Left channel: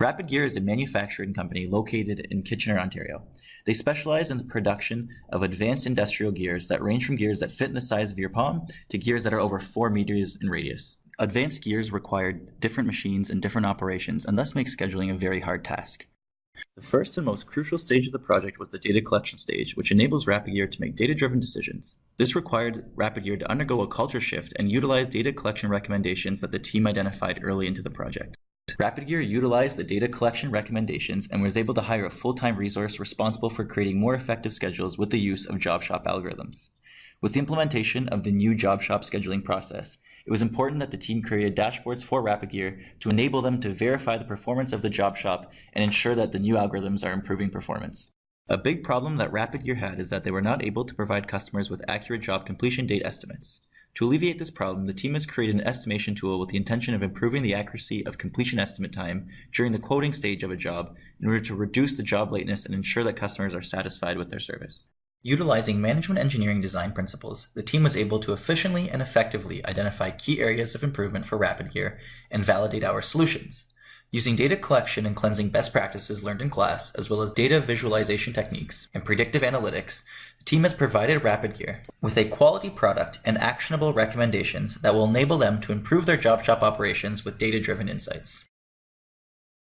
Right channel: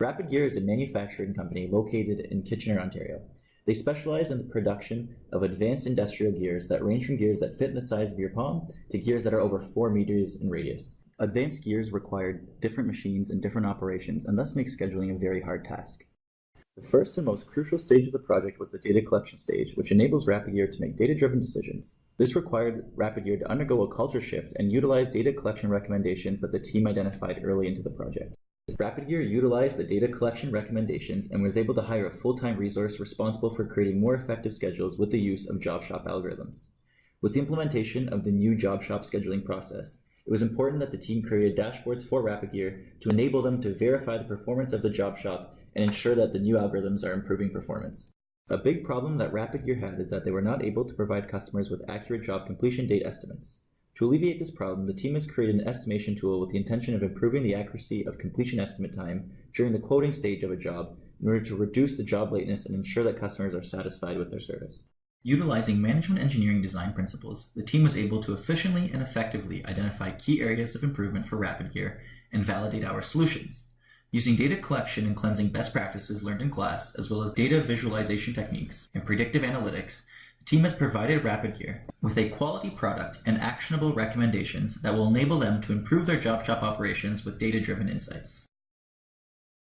Rapid Gear is a manufacturing company located in Kitchener, Ontario. They specialize in the production of advanced industrial gears that range from gears that fit in the size of your palm to gears that are over 4 meters in radius. Advanced gears require different machines and different operations, and thus make scheduling a very hard task. The first and most crucial stage of the project was the data collection stage, which enables Rapid Gear to make data-driven decisions. This required Rapid Gear to undergo a culture shift and utilize data collection recommendations that the team identified early into the project. Rapid Gear utilized the data collection recommendations and was able to hire a full-time resource responsible for creating more effective schedules with the use of job shop algorithms. With the implementation of the new job shop scheduling process, it was important that the team created dashboards for Rapid Gear to enable them to verify the performance of the job shop and ensure that the new algorithms are improving performance. A big problem that Rapid Gear had is that they were not able to provide customers with accurate job completion date estimates. To alleviate this problem, the team has created an estimation tool with the intention of improving the accuracy of completion estimate time during the quoting stage of a job in order to reduce the job lateness and ensure that customers are satisfied with their service. Utilizing management engineering design principles, the team was able to efficiently and effectively identify key areas of improvement for Rapid Gear and validate our solutions. Using data collection and cleansing best practices learned in class, as well as data visualization techniques and predictive analytics, the team has provided Rapid Gear with a quality product and actionable recommendations that will enable them to improve their job shop operations with data-driven insights.